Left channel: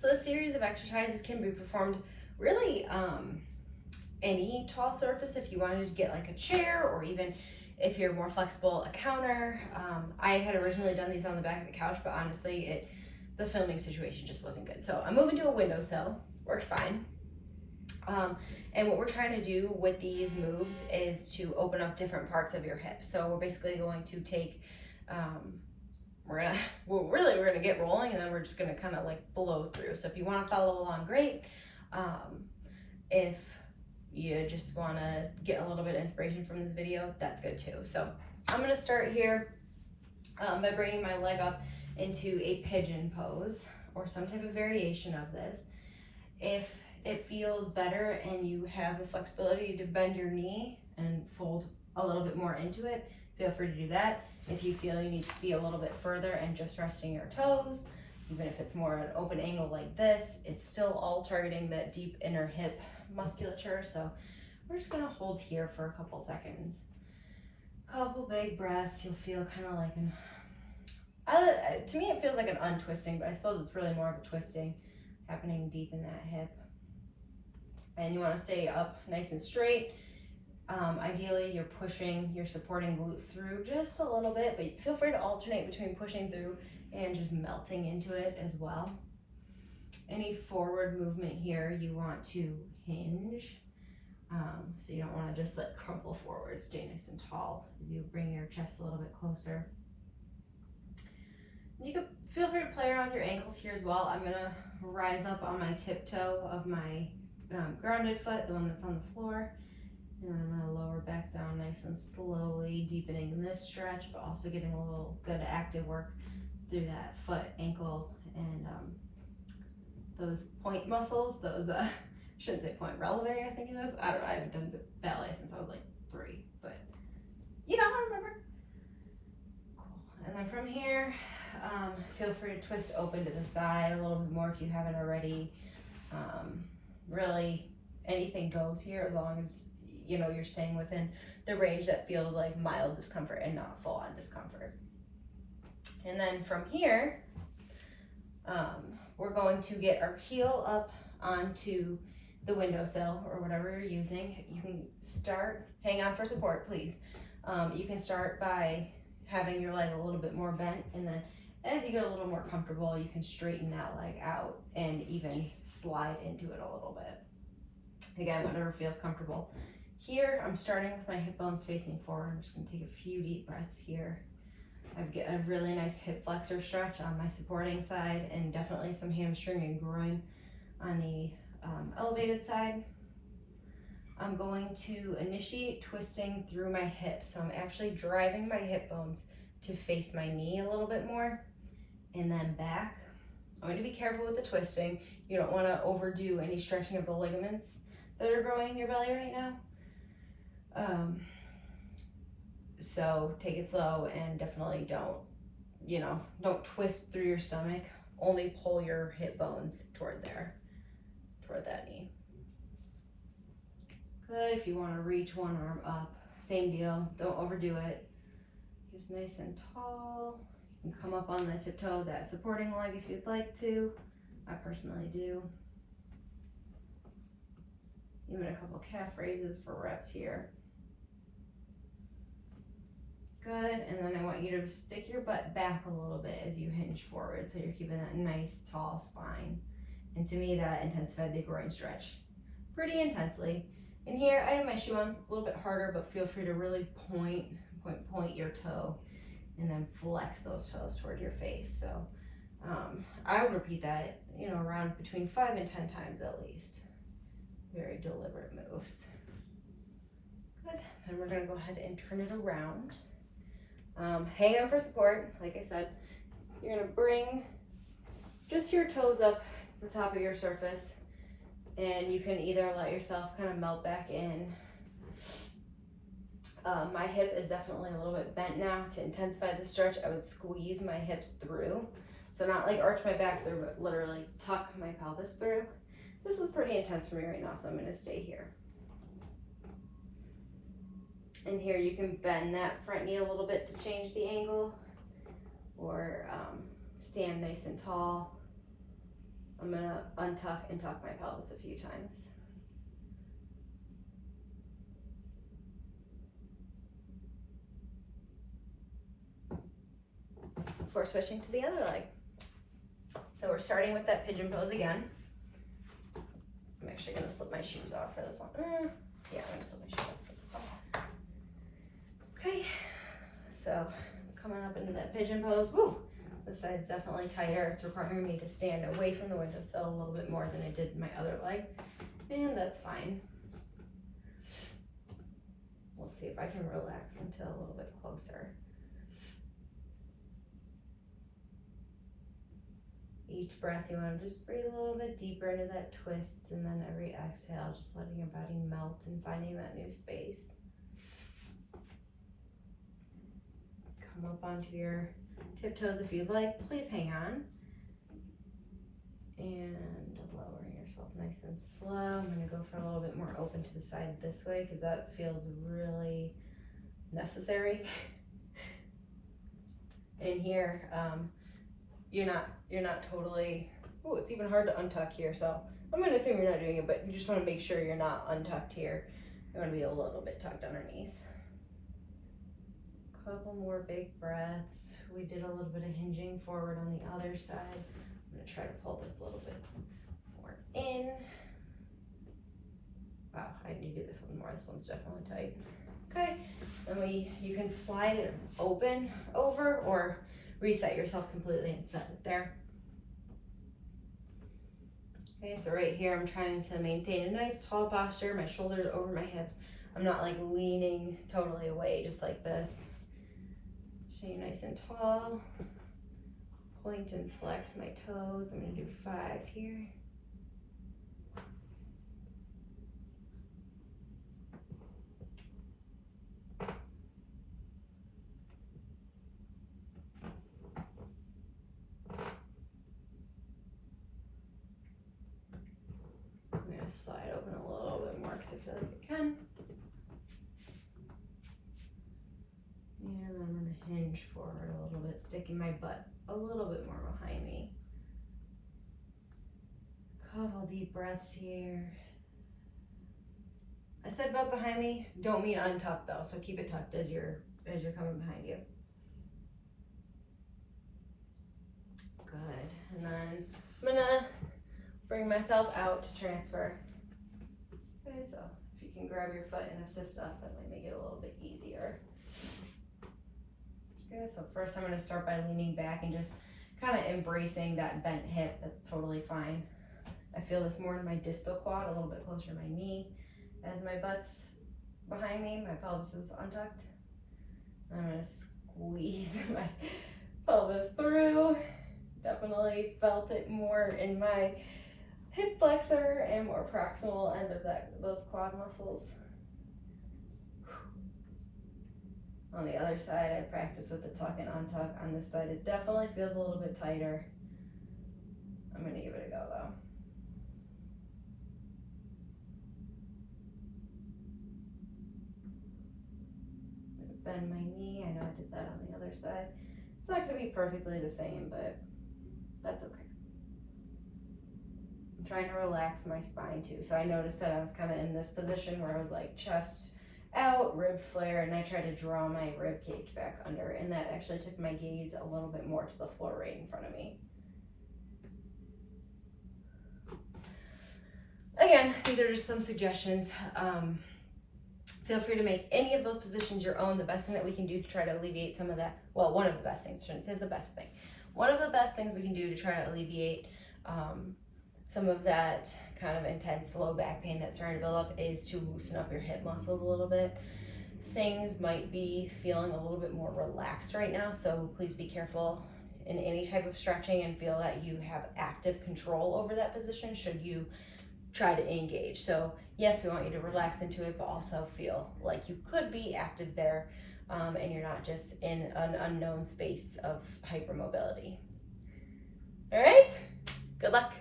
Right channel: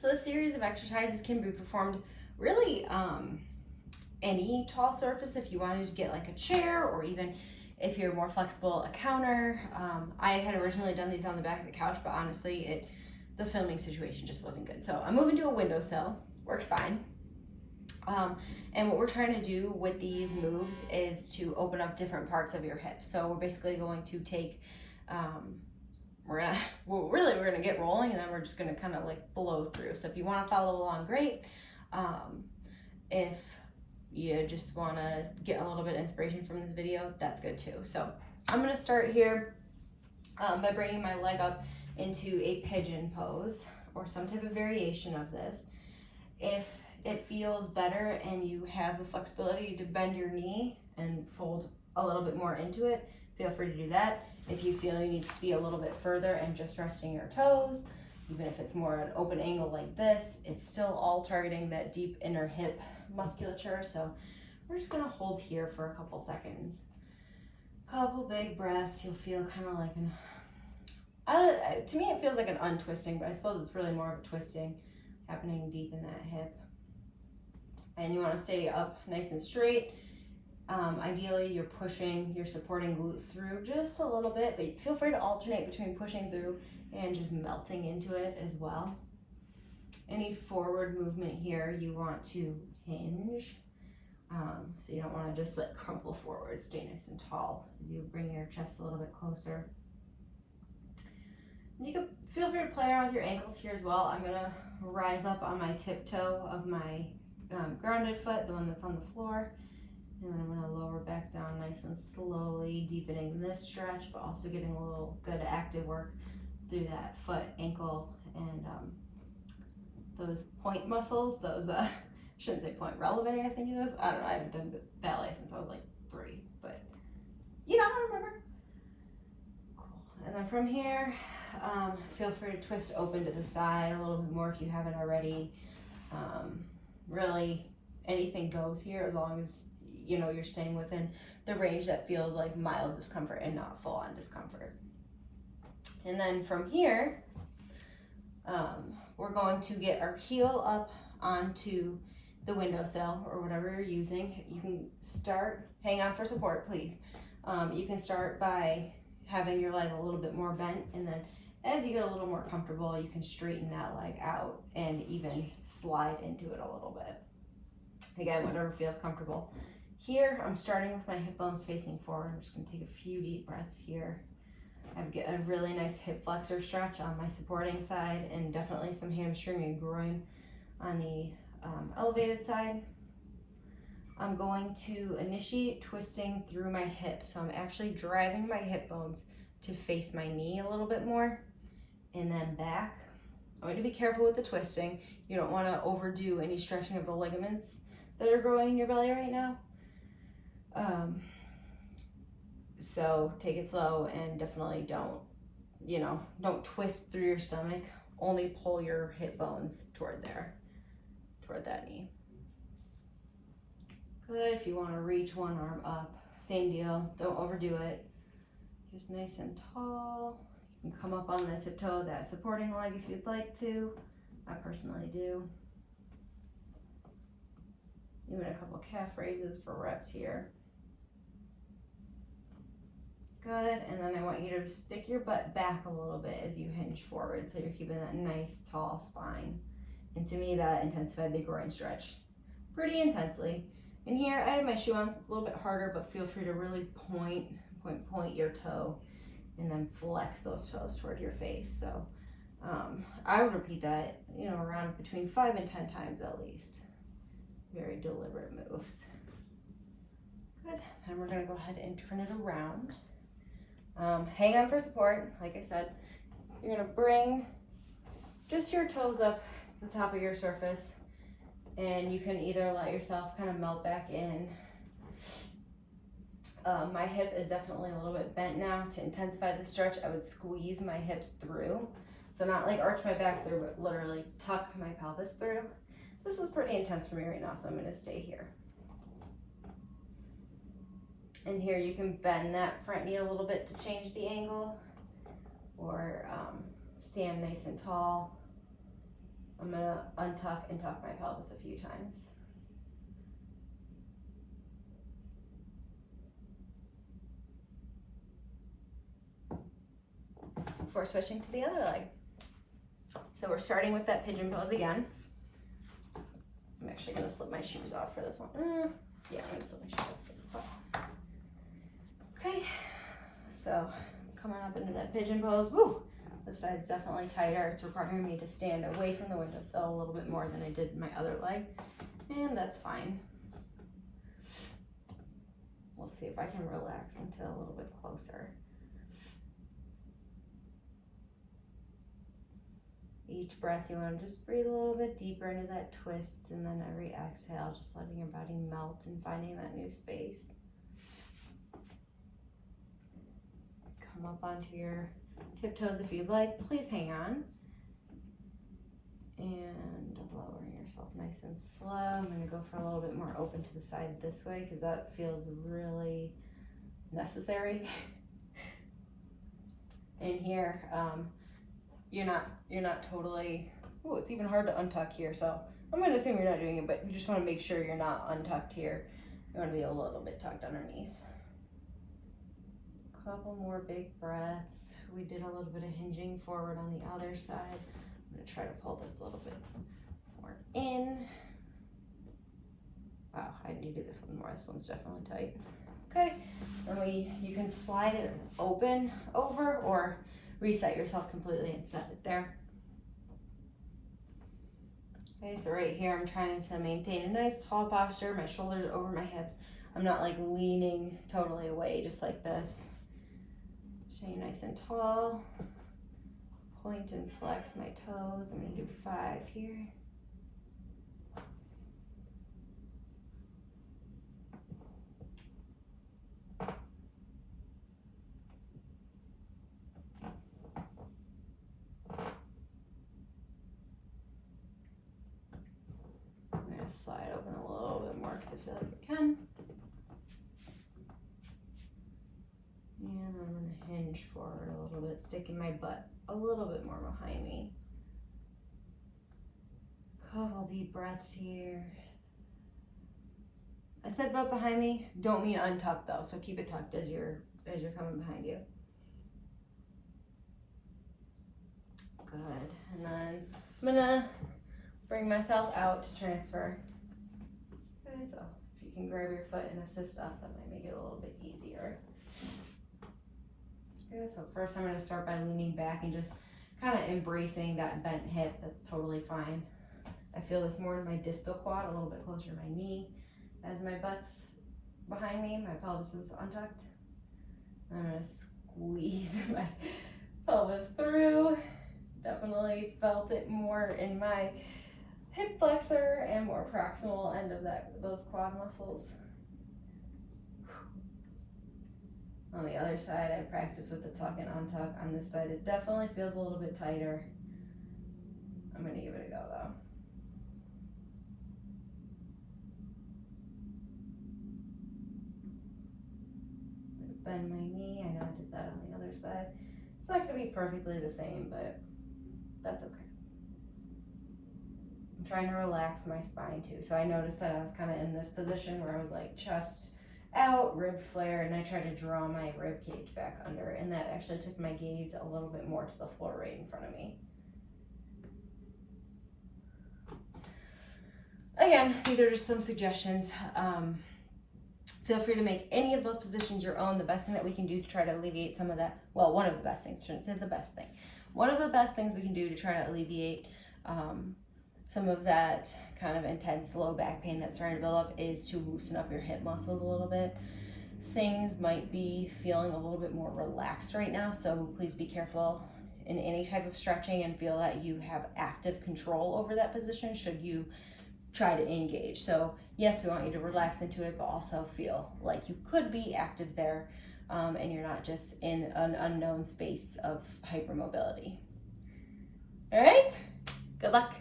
So this series of exercises can be performed really any tall surface. If you wanted to get like a chair, or even if you're more flexible, a counter. I had originally done these on the back of the couch, but honestly, the filming situation just wasn't good. So I'm moving to a windowsill, works fine. And what we're trying to do with these moves is to open up different parts of your hips. So we're basically going to take, we're gonna get rolling, and then we're just gonna kind of like blow through. So if you want to follow along, great. If you just want to get a little bit of inspiration from this video, that's good too. So I'm gonna start here by bringing my leg up into a pigeon pose or some type of variation of this. If it feels better and you have the flexibility to bend your knee and fold a little bit more into it, feel free to do that. If you feel you need to be a little bit further and just resting your toes, even if it's more an open angle like this, it's still all targeting that deep inner hip musculature. So we're just gonna hold here for a couple seconds. Couple big breaths. You'll feel kind of like to me it feels like an untwisting, but I suppose it's really more of a twisting happening deep in that hip. And you want to stay up nice and straight. Ideally, you're pushing your supporting glute through just a little bit, but feel free to alternate between pushing through and just melting into it as well. Any forward movement here, you want to hinge. So you don't want to just like crumple forward, stay nice and tall. You bring your chest a little bit closer. You can feel free to play around with your ankles here as well. I'm gonna rise up on my tiptoe of my grounded foot, the one that's on the floor. And then I'm gonna lower back down nice and slowly, deepening this stretch, but also getting a little good active work through that foot, ankle, and those point muscles, those, shouldn't say point, releve, I think it is. I don't know, I haven't done ballet since I was like 3, but you know, I remember. Cool. And then from here, feel free to twist open to the side a little bit more if you haven't already. Really, anything goes here as long as you know you're staying within the range that feels like mild discomfort and not full-on discomfort. And then from here, we're going to get our heel up onto the windowsill or whatever you're using. You can start, hang on for support, please. You can start by having your leg a little bit more bent, and then as you get a little more comfortable, you can straighten that leg out and even slide into it a little bit. Again, whatever feels comfortable. Here, I'm starting with my hip bones facing forward. I'm just gonna take a few deep breaths here. I get a really nice hip flexor stretch on my supporting side, and definitely some hamstring and groin on the elevated side. I'm going to initiate twisting through my hips. So I'm actually driving my hip bones to face my knee a little bit more, and then back. I'm going to be careful with the twisting. You don't want to overdo any stretching of the ligaments that are growing in your belly right now. So take it slow, and definitely don't twist through your stomach. Only pull your hip bones toward that knee. Good. If you want to reach one arm up, same deal. Don't overdo it. Just nice and tall. You can come up on the tiptoe of that supporting leg if you'd like to. I personally do. Even a couple calf raises for reps here. Good, and then I want you to stick your butt back a little bit as you hinge forward, so you're keeping that nice tall spine. And to me, that intensified the groin stretch pretty intensely. And here, I have my shoe on, so it's a little bit harder, but feel free to really point your toe, and then flex those toes toward your face. So I would repeat that, around between 5 and 10 times at least. Very deliberate moves. Good, then we're gonna go ahead and turn it around. Hang on for support. Like I said, you're gonna bring just your toes up to the top of your surface, and you can either let yourself kind of melt back in. My hip is definitely a little bit bent now. To intensify the stretch, I would squeeze my hips through. So not like arch my back through, but literally tuck my pelvis through. This is pretty intense for me right now, so I'm gonna stay here. And here you can bend that front knee a little bit to change the angle, or stand nice and tall. I'm gonna untuck and tuck my pelvis a few times. Before switching to the other leg. So we're starting with that pigeon pose again. I'm actually gonna slip my shoes off for this one. Yeah, I'm gonna slip my shoes off for this one. Okay, so coming up into that pigeon pose. Woo! This side's definitely tighter. It's requiring me to stand away from the windowsill a little bit more than I did my other leg, and that's fine. Let's see if I can relax until a little bit closer. Each breath, you want to just breathe a little bit deeper into that twist, and then every exhale, just letting your body melt and finding that new space. Come up onto your tiptoes if you'd like. Please hang on. And lowering yourself nice and slow. I'm going to go for a little bit more open to the side this way because that feels really necessary. And here, you're not totally, oh, it's even hard to untuck here, so I'm gonna assume you're not doing it, but you just wanna make sure you're not untucked here. You wanna be a little bit tucked underneath. Couple more big breaths. We did a little bit of hinging forward on the other side. I'm gonna try to pull this a little bit more in. Wow, I need to do this one more. This one's definitely tight. Okay, and you can slide it open over or reset yourself completely and set it there. Okay, so right here I'm trying to maintain a nice tall posture, my shoulders over my hips. I'm not like leaning totally away, just like this. Stay nice and tall. Point and flex my toes. I'm gonna do 5 here. Slide open a little bit more because I feel like we can. And I'm going to hinge forward a little bit, sticking my butt a little bit more behind me. Couple deep breaths here. I said butt behind me, don't mean untucked though, so keep it tucked as you're coming behind you. Good. And then I'm gonna bring myself out to transfer. Okay, so if you can grab your foot and assist up, that might make it a little bit easier. Okay, so first I'm going to start by leaning back and just kind of embracing that bent hip. That's totally fine. I feel this more in my distal quad, a little bit closer to my knee. As my butt's behind me, my pelvis is untucked. I'm going to squeeze my pelvis through. Definitely felt it more in my hip flexor and more proximal end of those quad muscles. On the other side, I practice with the tuck and untuck. On this side, it definitely feels a little bit tighter. I'm gonna give it a go though. Bend my knee. I know I did that on the other side. It's not gonna be perfectly the same, but that's okay. I'm trying to relax my spine too. So I noticed that I was kind of in this position where I was like chest out, ribs flare, and I tried to draw my rib cage back under, and that actually took my gaze a little bit more to the floor right in front of me. Again, these are just some suggestions. Feel free to make any of those positions your own. The best thing that we can do to try to alleviate some of that, well, one of the best things, I shouldn't say the best thing. One of the best things we can do to try to alleviate some of that kind of intense low back pain that's starting to build up is to loosen up your hip muscles a little bit. Things might be feeling a little bit more relaxed right now, so please be careful in any type of stretching and feel that you have active control over that position should you try to engage. So yes, we want you to relax into it, but also feel like you could be active there and you're not just in an unknown space of hypermobility. All right, good luck.